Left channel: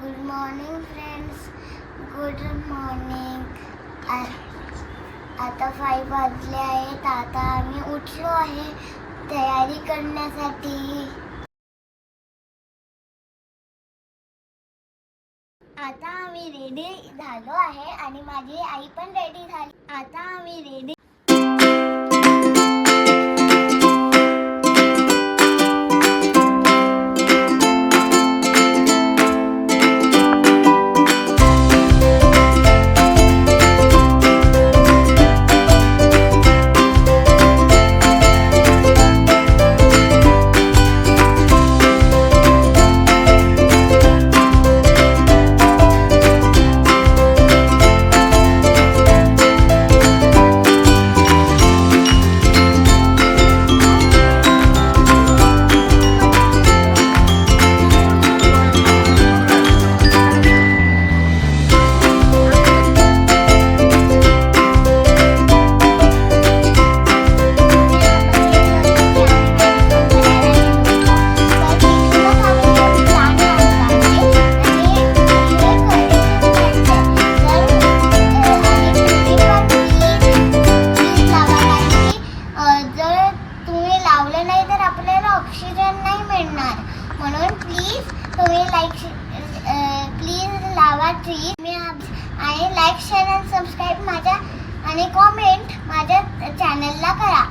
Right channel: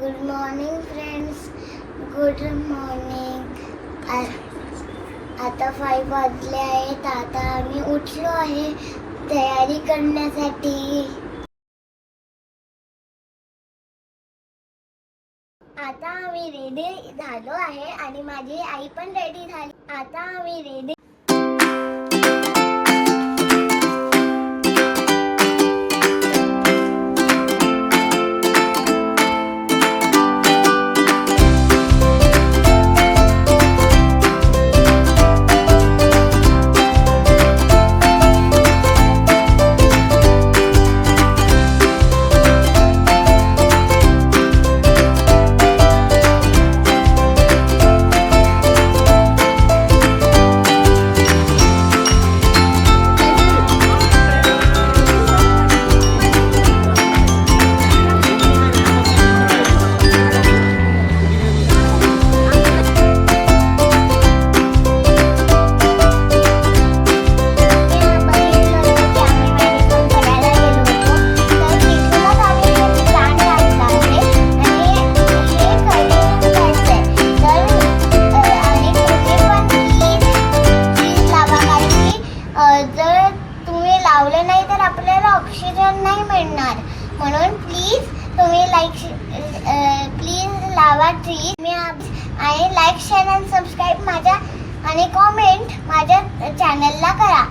Good morning friends, good morning. आता 5 वाजले आहेत. आता आम्ही उठलो आहे तयारी करण्यासाठी. आता आम्ही रेडी झालो आहे आणि माझी आई पण रेडी झाली. आता आम्ही रेडी. जर तुम्ही लावले नाही तर आपल्याला ऑक्सिजन नाही मिळणार. म्हणून प्लीज तुम्ही प्लीज लावा ट्री. आणि लाईक, शेअर आणि सबस्क्राईब माझ्या आणि कॉमेंट माझ्या चॅनलला करा.